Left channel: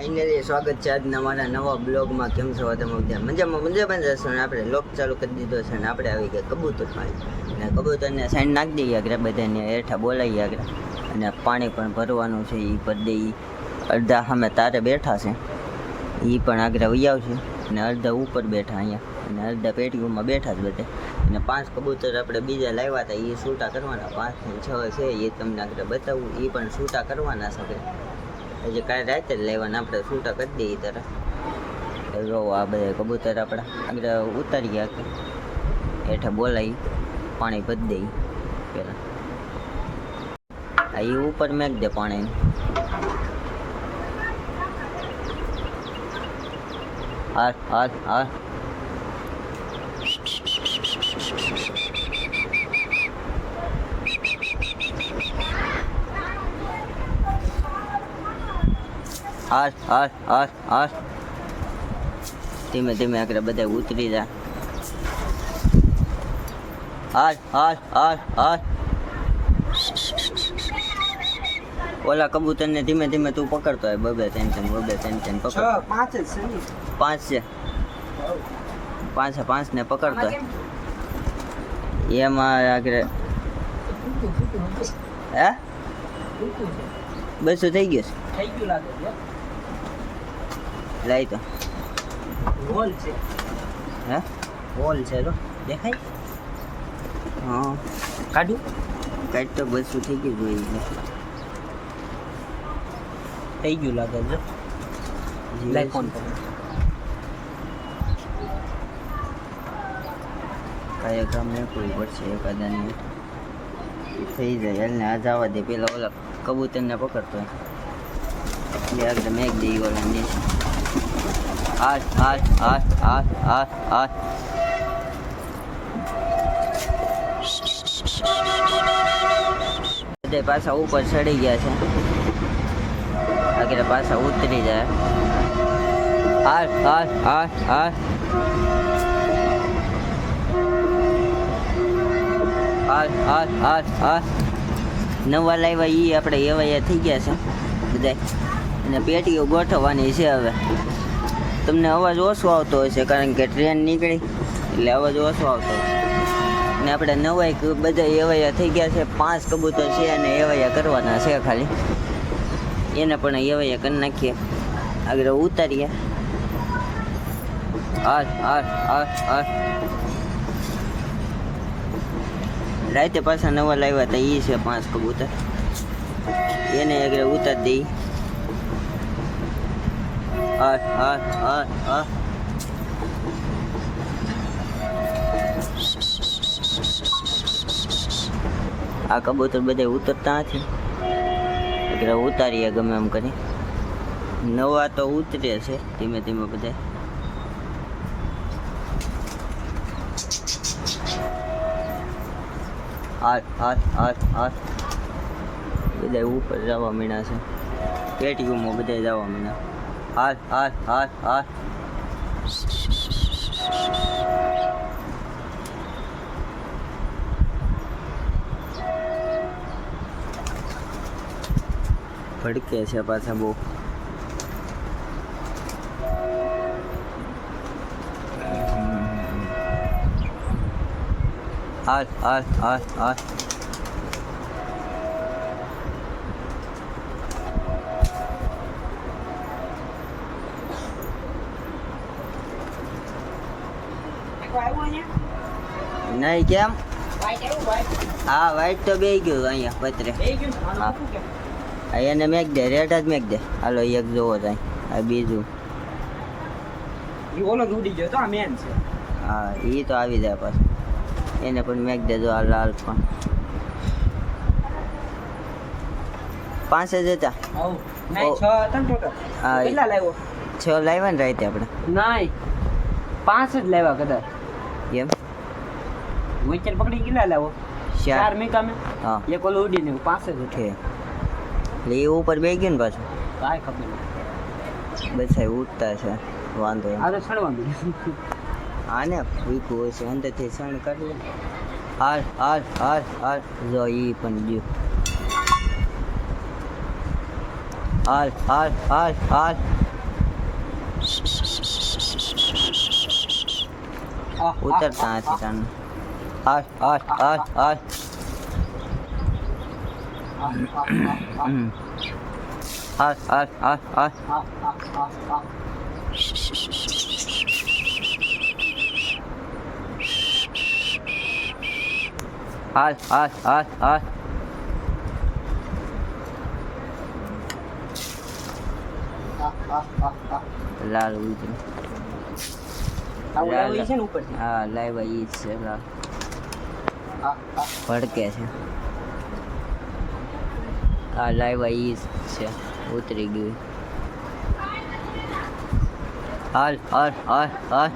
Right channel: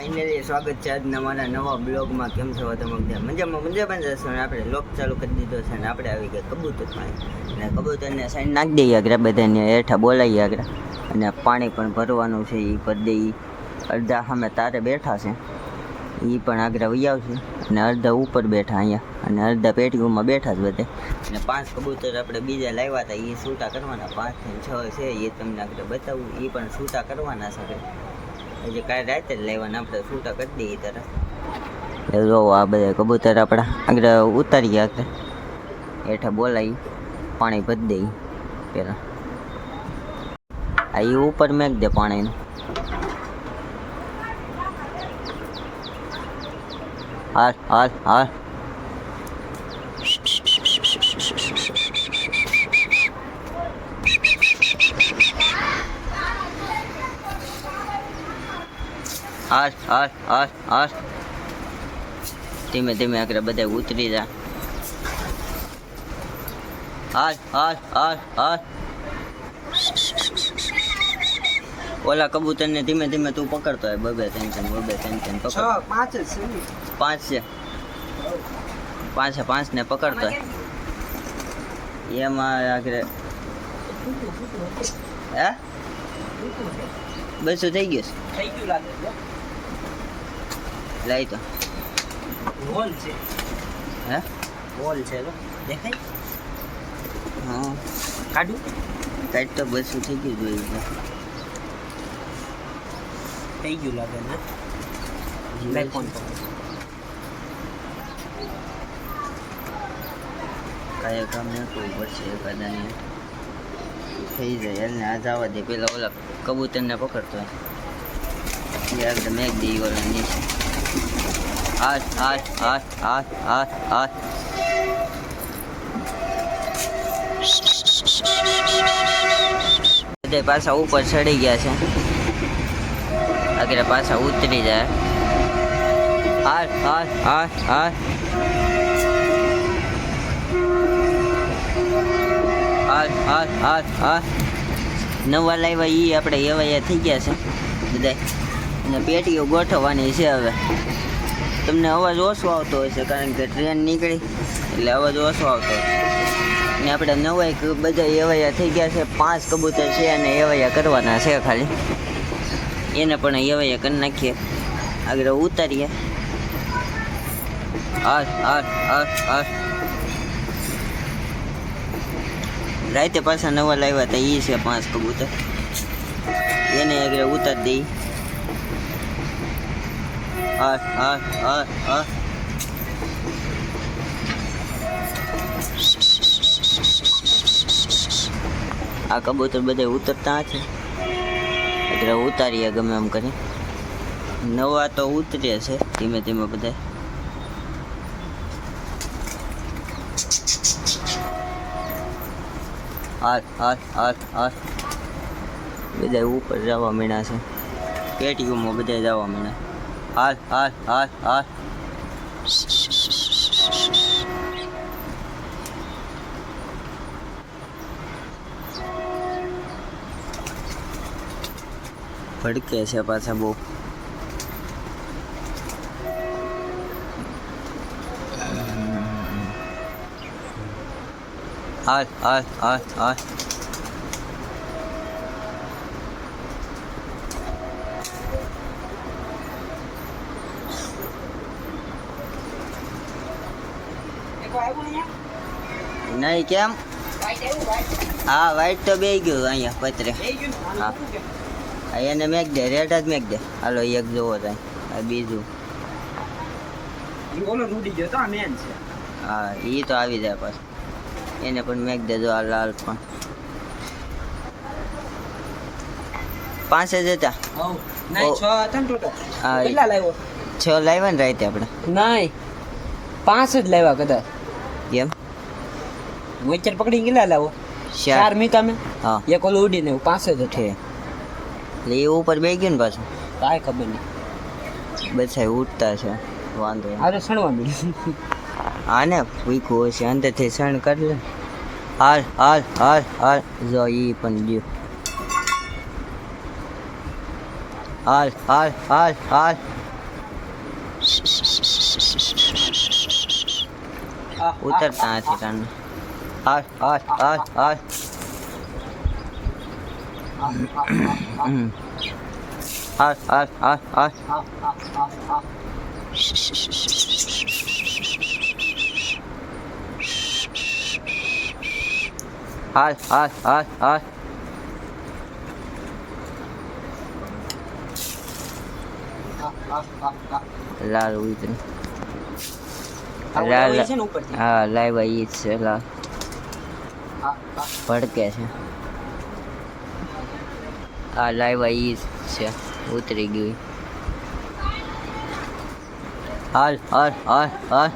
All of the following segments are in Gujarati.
ફાઇનલી સ્વાગત છે આજના મારા નવા બ્લોગમાં. કેમ છો તમે બધા? મજામાં જશો ને આપણે લોક ચાલુ કરી દીધો છે ને આપણે આવી ગયા કબૂતર પાસે ને કબૂતરને સાઈડ નાખી દઈએ આગળ બધાને હેઠા બોલાવીએ આગળ અને પાણી પણ ભરવાનું છે એ ભરી દઈએ. અડધા સામે તારે બેઠા છે એ પણ આગળ વહી આવશે અને અડધા ઉપર બેઠા અહીંયા અને અડધા પેટીઓમાં બેઠા જ બધે. અને 5 કબૂતર આપણે બીજા લાવ્યા હતા એ છૂટા કરવાના, 5 થી 6 છે એ તમને આગળ બતાવું. એ પણ છૂટા કરવાના છે હજી કાલે રાતે જ લેવાના, આપણે છૂટા કરી દઈએ તરફ. જો આ બધા કબૂતર આપણા આગળ ઉતારી ગયા કે હેઠા બોલાવી પાણી ભરી દઈએ પેલા. આ એ ઉપર મેક દે પાણીને. હાલ હાલ હાલ હાલ હાલ હાલ હાલ ધીમે ધીમે આગળ બધા ઉતરી જા. હાલ હાલ હાલ હાલ ઓલા કબૂતરને ધીમે ધીમે તું પકડતો હોય. બબે ટેન્શન પકડ. 5 છે 5 ને પકડતો હોય એમાં આગળ. હે બધું થઈ ગયું લાગે. લાઈ તો હોલ છે. હે હોલ છે તો દેખાય. હા કાઢું કાઢ તો બધું થઈ ગયું જોઈએ. થઈ ગયું લાગે છે. લાઈ ફોન પર કાંઈ કામ નાખવું પડશે એકાદાને થઈ જાય. એને આ જવા દે. પેલા ઓલા કબૂતરને પકડતો હોય એ આગળ મેક દે ઓલા નીચે. હાથ હાથ હાથ હાથ હાથ હાથ બધા પાછા ઉપર ચડી ગયા છે. આગળ પાછા ઉતરી જાય. હાથ હાથ હાથ હાથ હાથ હાથ હાથ હાથ નવા લાવ્યા એ આપણે એવાયા થઈ ગયા છે બધા. અને પેટીઓ ગોઠવવાની છે. હવે તમને અવાજ ઓછો આવતો હોય છે કારણ કે ટ્રેન નીકળી એટલે અવાજ ઓછો આવતો હોય. ને આપણે નવાઈ બધા એવાયા થઈ ગયા છે. 5 કબૂતર છે અને એવાયા કરવાના છે ખાલી. એને પણ એવાયા કરી નાખીએ આગળ ઉતારીએ. હાથ હાથ હાથ હાથ રાતે પાછા નવા લાવ્યા હતા એ છે 5 કબૂતર. એને આગળ ઉતારી દઈ. હાથ હાથ હાથ હાથ આ કબૂતર બધા ઉતરતા છે એટલે ઉતારીએ ગમે એમ કરી. નવા તો ઉતરે છે ધીમે ધીમે બધા. હાથ હાથ હાથ હાથ બધા ઉપર જવા મીણા છે. પેટીઓમાં બધા જવા મીણા. હાથ હાથ હાથ હાથ ભડકે છે પાછા બહુ. હાથ હાથ હાથ હાથ નહીં કેમ? હા વાઈટ તો બે ગયું અહીંયા પતરે. હા એને મેક દે. રેડ જ મેક દે. હાલો એક જોવો થાય. આ બીજું હા એ તો આવી જાય પાછું. એને પણ મેક દેજો. આ લાલ પણ 5 જ હતા. હા 6 લાવ્યા ને રાતે આપણે. નહીં 5 જ લાવ્યા કદાચ. એમ વિચાર પકડી કેટલા લાવો? 4 મીકા મેં. હા એક ઓલો ઉડીને 5 જ છે. એટલે એ ઉપર બે ગયું ને પાછું. કાંઈ ખબર નહીં. બધા ઉઠતા છે વાંધો. અરે સણવા મળ્યું. હા ને વીકું હશે અંદરથી સણ કરી લે. હાલ હાલ હાલ હાલ જો એ પણ ગયું. હાલ હાલ હાલ હાલ ઉતરતા નથી તને. હાલ હાલ હાલ હાલ. હાલ હાલ હાલ હાલ. હાલ હાલ હાલ હાલ. લાલ ઉતર. આવું છે ને ઉપરથી. હા લાઈવ ઈ જ છે. લાલ ભડકે છે. હા લાઈવ ઈ જ છે. ઉતરી ગયું. હાલ હાલ હાલ હાલ.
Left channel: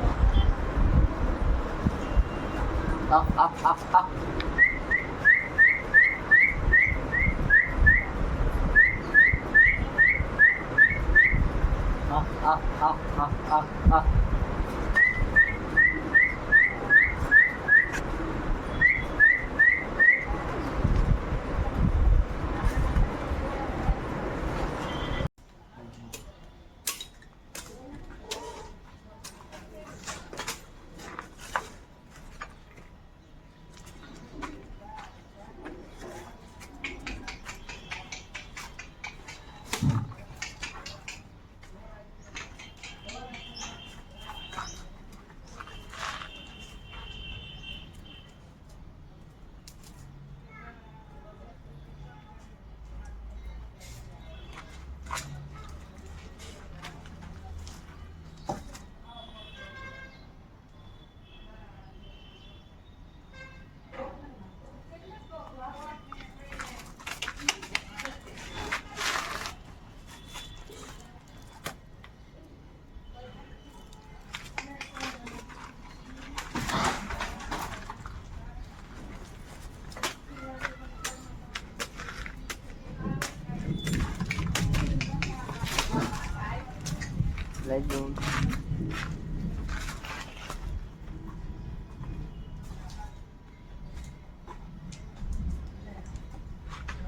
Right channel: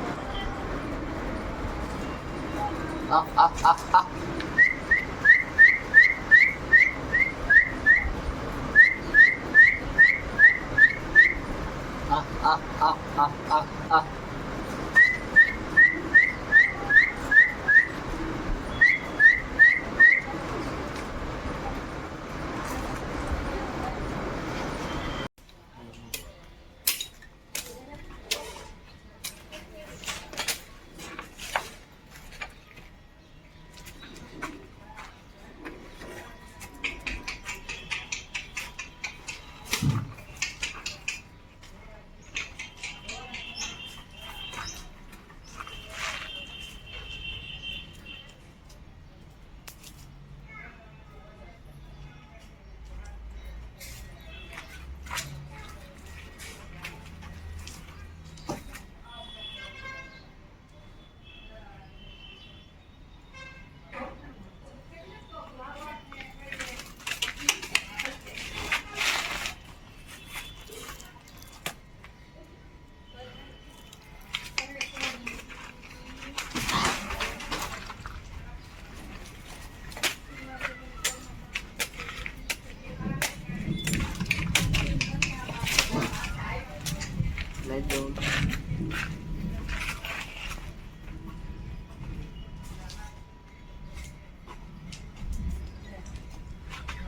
Let's go.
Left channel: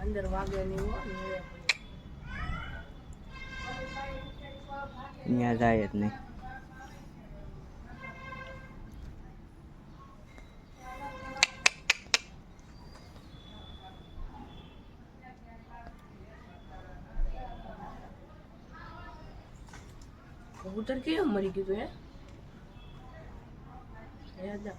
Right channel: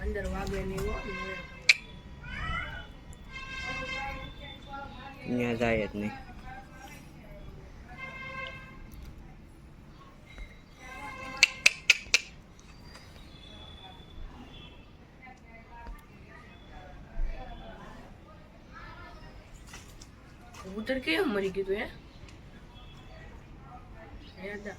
અંદર વાગે નહીં હોય ત્યાં જાય જ નહીં. કબૂતર કેમ મરી ગયું તું હે હતા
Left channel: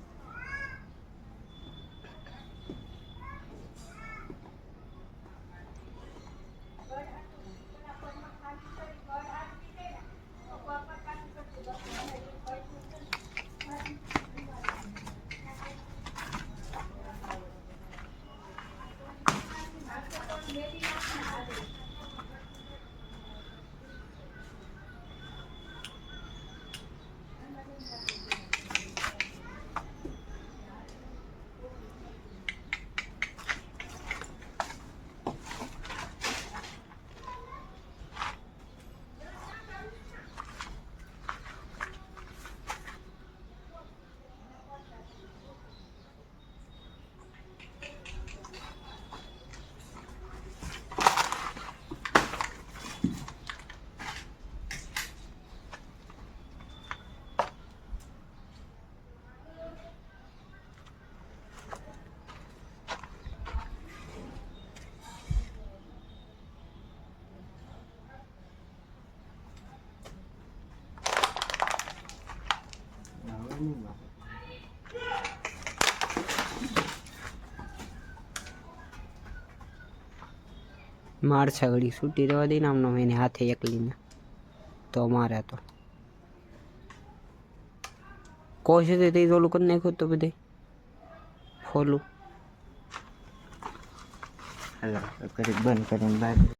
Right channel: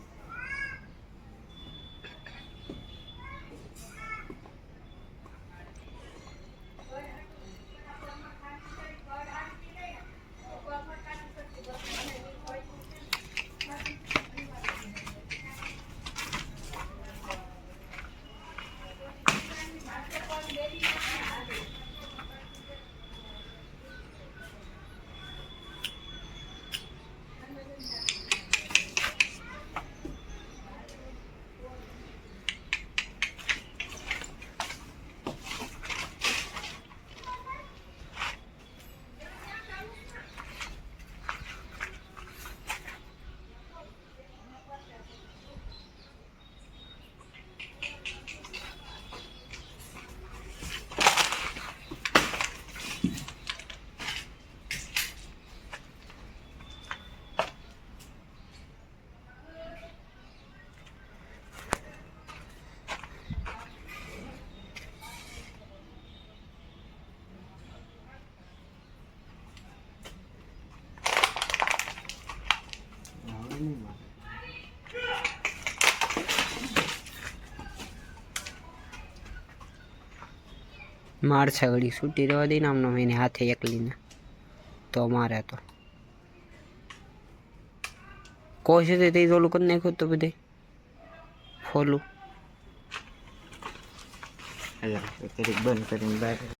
માર છગડી છૂટી રહેવા દઈને આમનો એને હાથે એકલીને તો મારે તો કોશે તે ઓલું કરી નાખ્યું તો બધે ફોલું. બંધ કરીને બહાર